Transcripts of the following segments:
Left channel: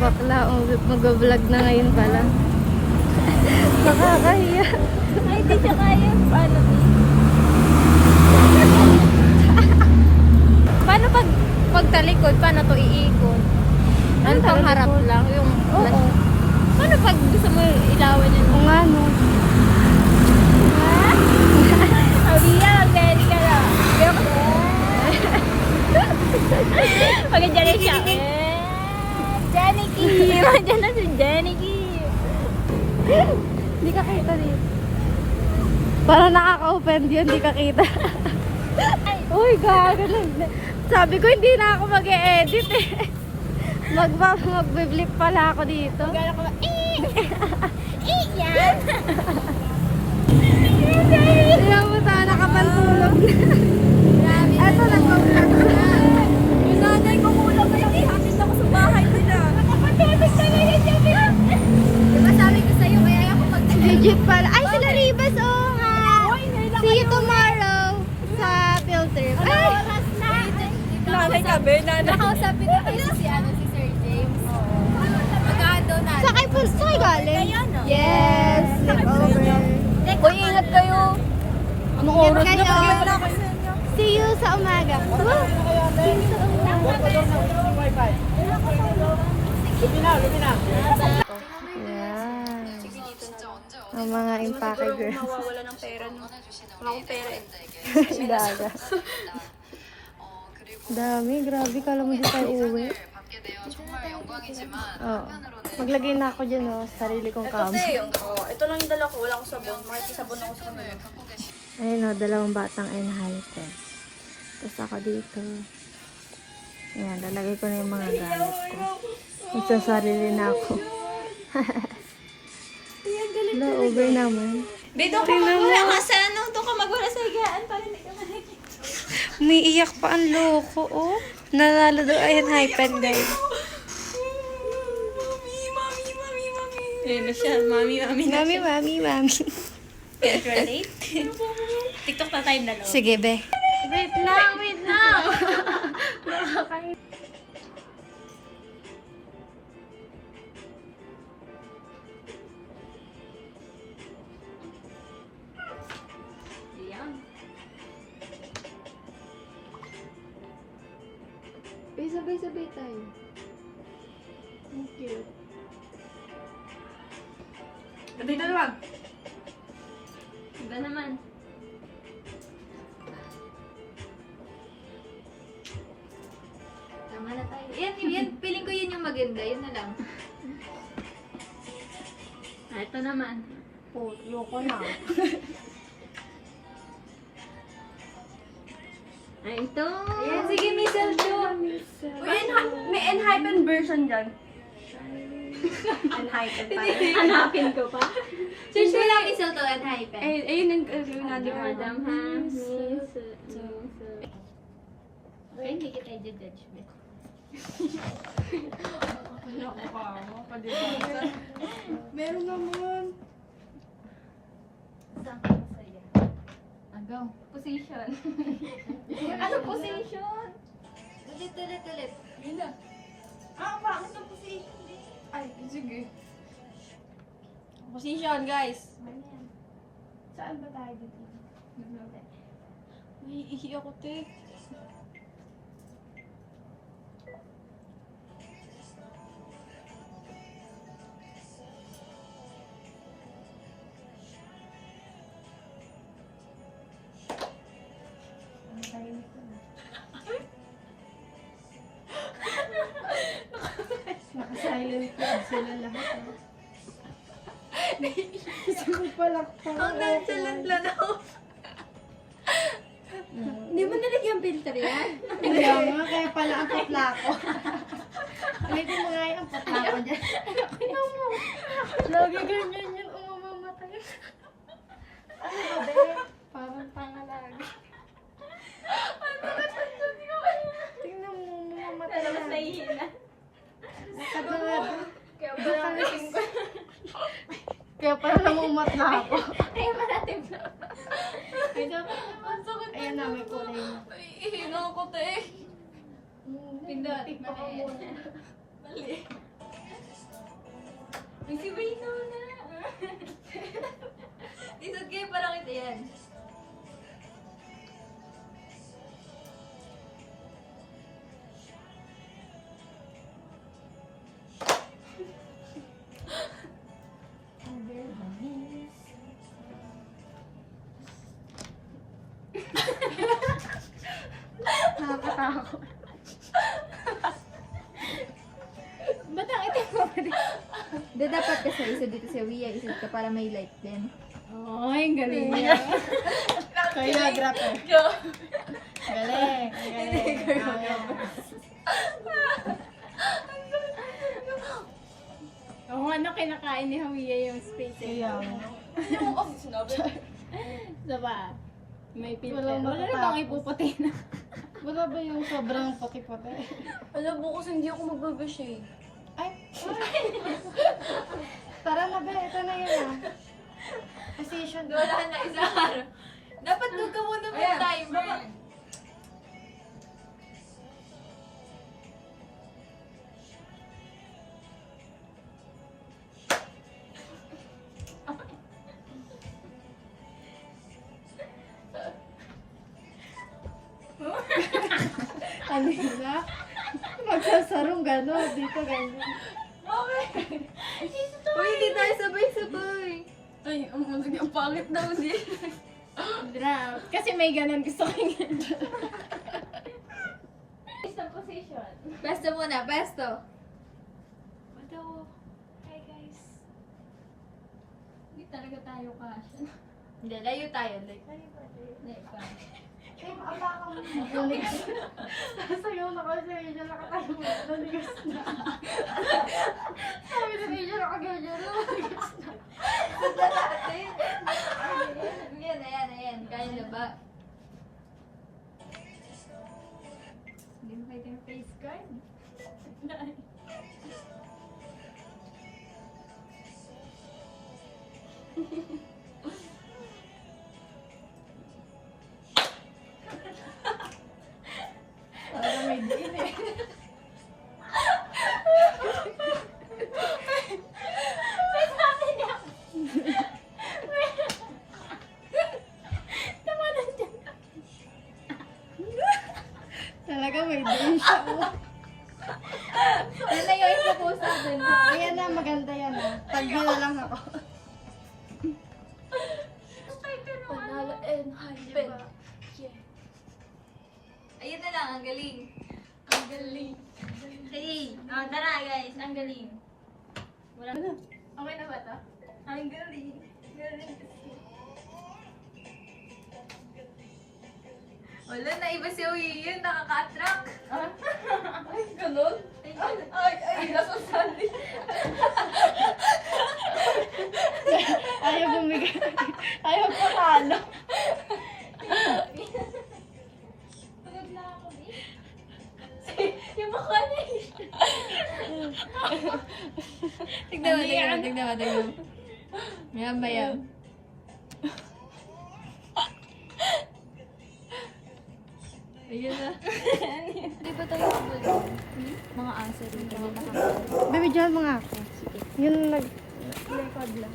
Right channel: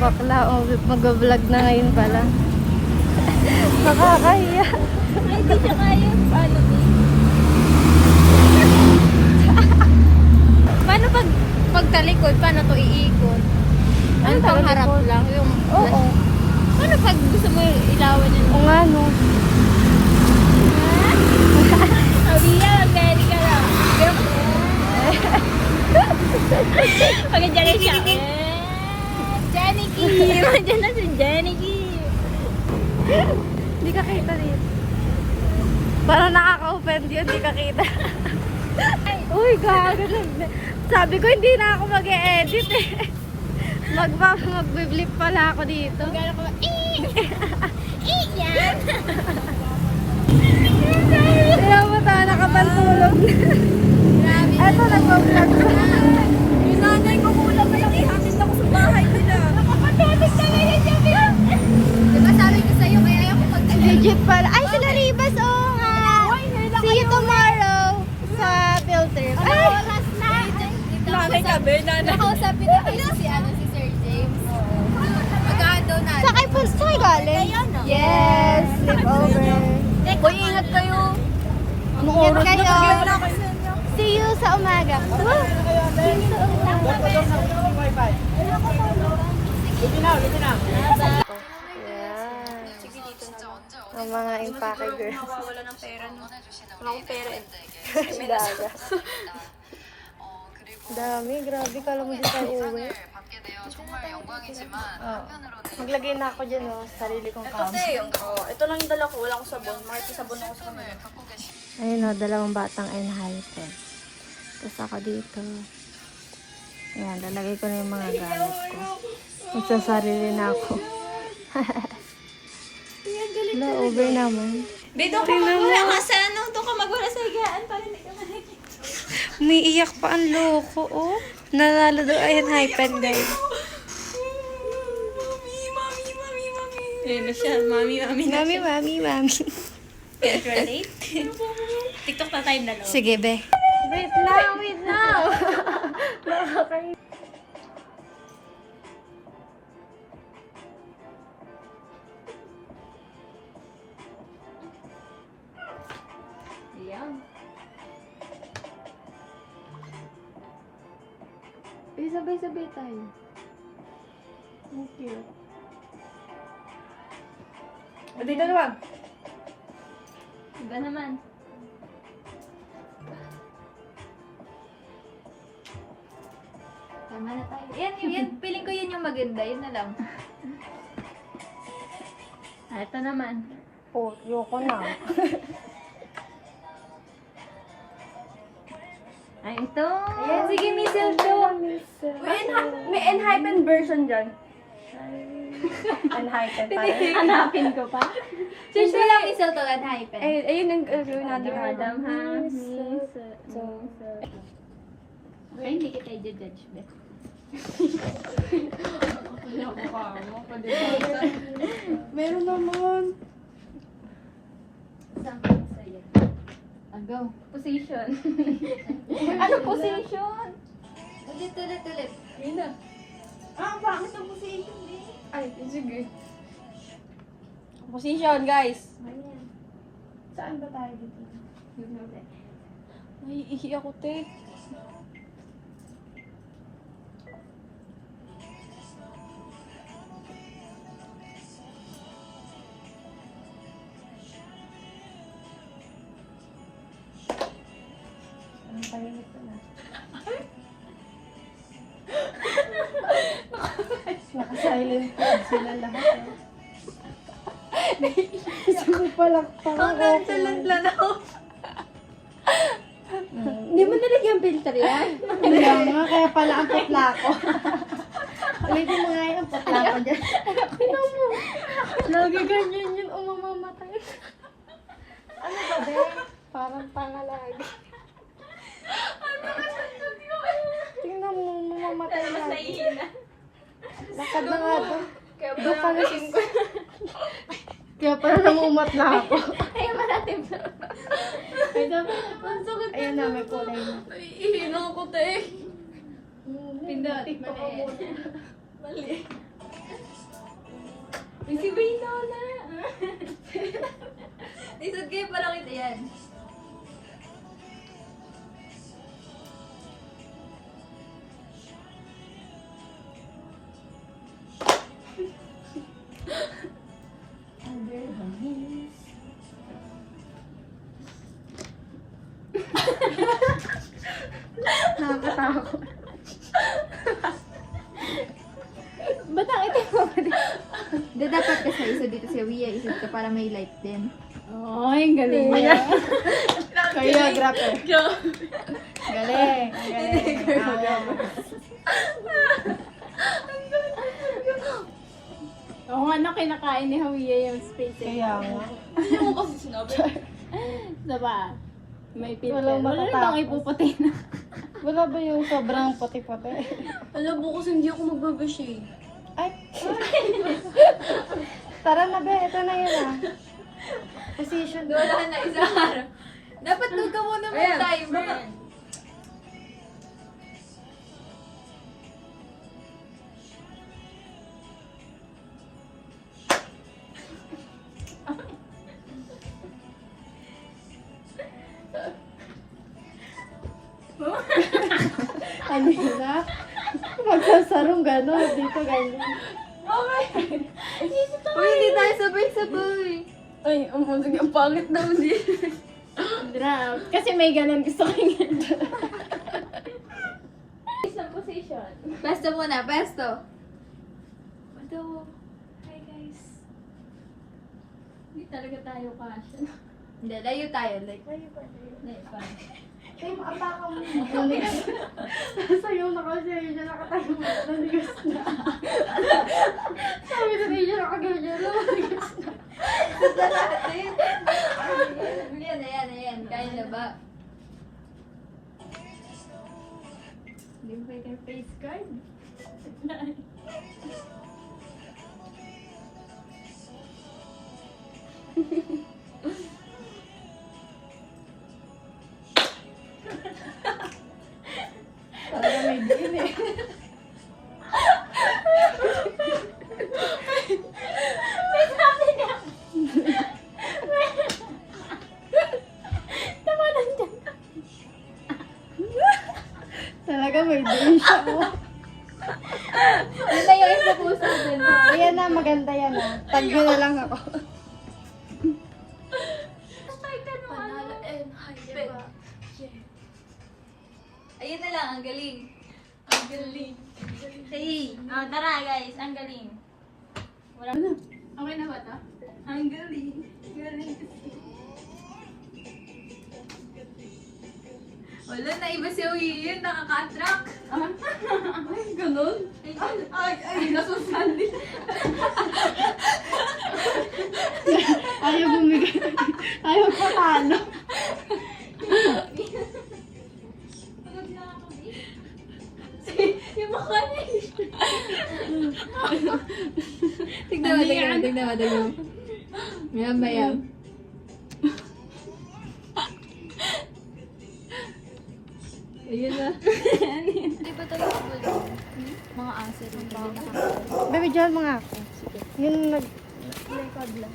bakla. Oh, mag-vlog na ngayon pala. Nakakahiya. Hindi siya kaya paano. Paano pag talikod? Paano to iikot? Ano pang harap talikod? lang? Yung, Oo. paano pag gusto mo ilawan yun? O nga no. Abiya, very ka lang. Pagkadyan na siya. Jenny Kim! Diyan na si Jenny Kim! Hindi ka kita dito. Parang nakaka-offend yun, hindi ka kita. Uy, gago. Sabi ko hindi na ako mag-e-edit eh. Mag-blip pala ako dito. Gala ko, yan! Tingnan mo tayo, nakapantulog. Eto, nag-vlog na. Yung nanay ko kulang na lang ihatid ako sa bahay nila. Matibig ka na yan, diba sabi ko sa'yo, kaya ako Legit pala. Ay, sila Ribas, oh ha. See you tomorrow sa field trip. Ay! Nanay ka, be? Nakausapin na kayo si Sir James. Magahan daw na. Sakay galing? Yes, sleepover. Uy, ingat kayo. Ingat kayo. See you sa umaga. Wow. See you sa umaga. Yung mga impake girls. Wala ng pera. Wala akong pera. Dami, grabe. Kala mo di tayo uwi. Oh. Maglagay na ako dyan, oh, sarili kong kamo. Ito lang yung dala ko. Wala akong sabon. May sabon ako sa kanila. Ayun, oh, dalawang batang enhypen. Tapos ako dito. Ayan, lalagay ko na yung mga gamit ko. Magsasarili na ako. Wala, over naman. Dito ka magwala ka sa ano? Doon ka magwala sa higaan para hindi ka makikita. Umiiyak pa ang loko, oh. Nalalo daw ay enhypen, guys. Ayun na siya. Mami na Mami. Can't relate. TikTok na time na, no? Sige, be. Wait lang. Ayan. Sabay-sabay tayo. Ang cute. Dito naman. Iba naman. Tama na tayo. Yan, feeling ko yun yung maganda. Yun na lang. Ito naman. Oh, yoko na. Ay, ito. Ayan, sige, Missel to. May enhypen version dyan. Enhypen tayo. Hanapin ko pa. Search mo lang Missel to, enhypen. Ayun yung natin. Adam ha. Okay, hindi kita i-judge, be. Meron naman. Go. Position. Ano position? Ulit. Yun na. Bakit ang position, be? Ay, sige. Position, guys. Saan ba tayo dito? Ay, ihi ako, te. Ang tahimik ko na. Naka-silent sila lahat. Gusto palakpak. Ang nonchalant lang ako. Hindi mo nalagyan filter yan? Kaya nga, kaya pala ang putla ko. Ulitin mo nga yung putla ko dyan. Lagi ganyan yun, umamamatay. Ano ba, be? Parang pangalagi. Tingnan mo, mamamatay Mas na. nahihina. Lakad na nga doon. Kaya Doon pala pala. Kaya pala namumat na ako. Ay, malalim na. Ay, dapat. Ang sakit Ayan na, may kulay na. Ihina ko, te. Pindot. Mali. Mali. May si Brinola. Isod kayo parang ito yan. Nakakatakot. Ba't ang itim mo pa rin? Hindi, dapat kasi isa dito si Wia, isod ka para may light din. Oh, ang galing mo. Choreographer. Galing. Galing. Oo nga, ano kinakain ni Hawiya yung space. Kaya nga. Hindi mo kasi sinabi. Diba? May filter. Walang Wala matatapos. bang ipuputi na? Wala ba yung sobrang puti-puti? Alam, bukas hindi ako magbabashade. Ay! Tara na be, ito na yun ah. Position. Wala na isang araw. Dapat doon ka muna mag-timer. Ano na? Magsasarong gano'n. Dito gano'n. Uy, hindi tayo sabay-sabay. Ay, sige, ang pangit daw din. Drop. Kasi may ganun gusto ko yun. Isang position. Pesto muna, pesto. Pesto. Hi guys. Hindi talaga tayo kasha. Hindi, layo tayo. Like, layo pa. Ay, maapaka mo. Sa'yo na kasi, siya nakatayo mo. Nanigas na. Sabi na siya nakagaya na. Nanigas na. Ganda natin. Ayan. Kaya na ba? Hindi mo kayo tayo face card? Parang may din eh. Talaga may din siya. Oh. Ganda yung isa puso din. Ayan na, maganda yan ah. Tagyo na lang ako. Panalo and hype. Ayun na lang, ang galing. Ang galing. Hey, tara guys, ang galing. Wala na. Okay na ba ito? Ang galing. Galing. Wala na, iba si Uy yun, nakaka-attract. Ay, ganun? Ay, nasusali. Ayaw bumigay. Ayaw patalo. Pagod na ako, yung mukha niya. Tignan mo. Mayam. Ayun na. Di ba tayo mga aso rin? Baby, dyan mga ako. Yung nag... Yung pabla.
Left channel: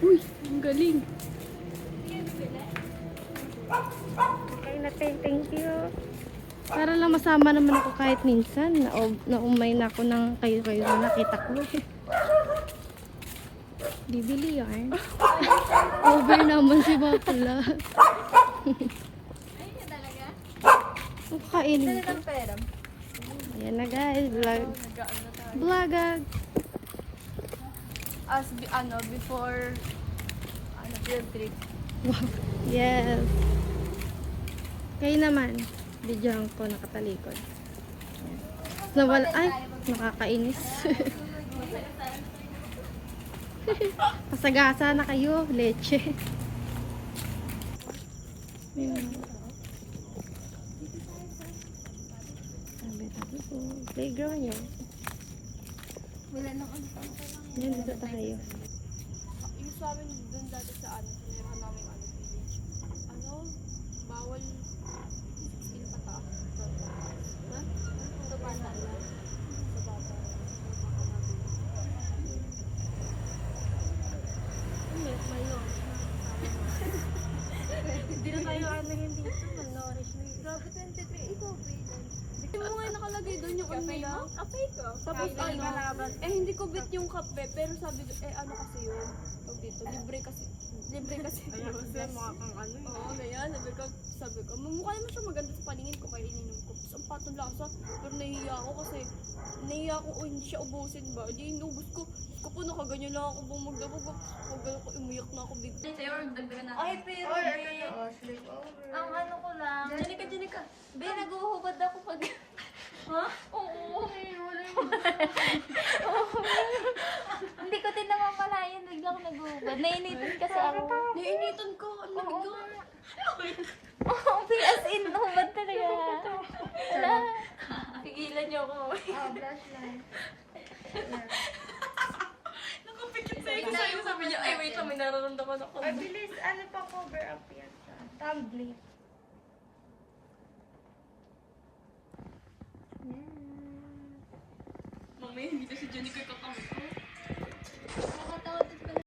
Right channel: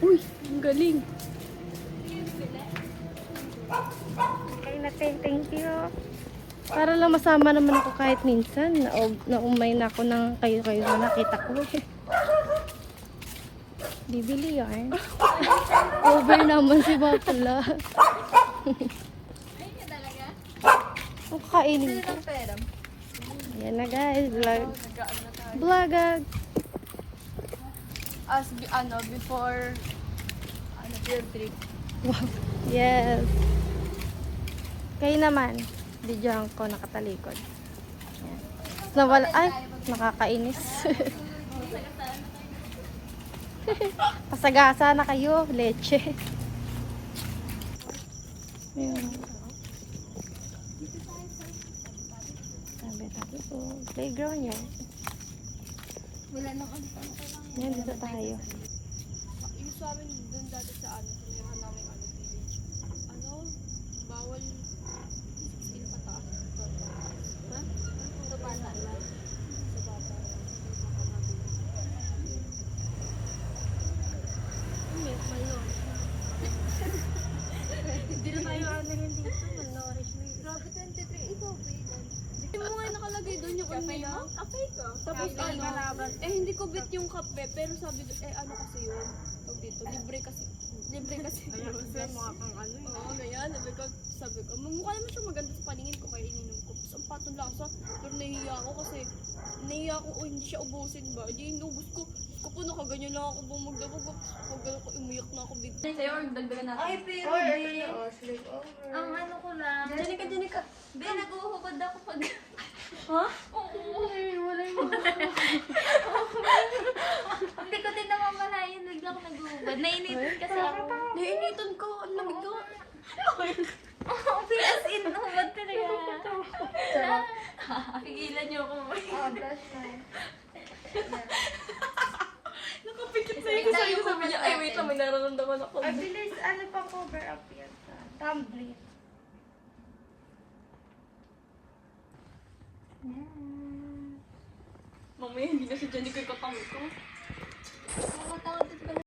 Uy, ang galing. Okay na, thank you. Para lang masama naman ako kahit minsan. Naumay na ako ng kayo-kayo na nakita ko eh. Bibili yan. Over naman si Bakla. Ayun na talaga. Ang kainin ko. Ang pera. Yan na guys, vlogag. Before, field trip. Wow. Yes. Kayo naman, bigyan ko nakatalikod. Nawala, ay, nakakainis. Pasagasa na kayo, leche. Ayan. Sabi po, playground yan. Wala nang ano. Yan, dito tayo. Yung sa amin doon dati sa ano, tinirahan namin bawal Hindi na tayo ano yun dito. Malnourished na yun. Grabe 23, ikaw, vegan. Hindi mo nga nakalagay doon yung Kape nila. mo? Kape ko. Tapos Kape, ano, malaban. hindi ko bet yung kape, pero sabi ko, ano kasi yun? Tawag dito, libre kasi yun. Ayan kasi mga kang ano yun. Oo, ano yan, sabi ko, mukha naman siya maganda sa paningin ko kaya ininom ko. Tapos ang patong lasa, pero nahihiya ako kasi, nahihiya ako, hindi siya ubusin ba? Di inubos ko. Tapos ko po nakaganyan lang ako bumagdabog. Huwag ko, umuyak na ako bigla. Sa'yo, dagdagan natin. Ay, pero, Oy, ano na oh, sleepover. Ang ano ko lang. Janika. Be, nag-uhubad ako pag... Ha? Wala yun. Hindi ko din namamalayan, bigla ako nag-uhubad. Nainitin kasi ako. Nainitan ko. Ano ito? As in, uhubad talaga. Kigilan niyo ako. Blush na yun. Nakapikit na yun. Sabi ko sabi niya, ay wait lang, may nararamdaman ako. Ay, bilis. Ano pa cover up yan? Tumbling. Mamaya hindi na si Janika yung katamit ko. Nakatawad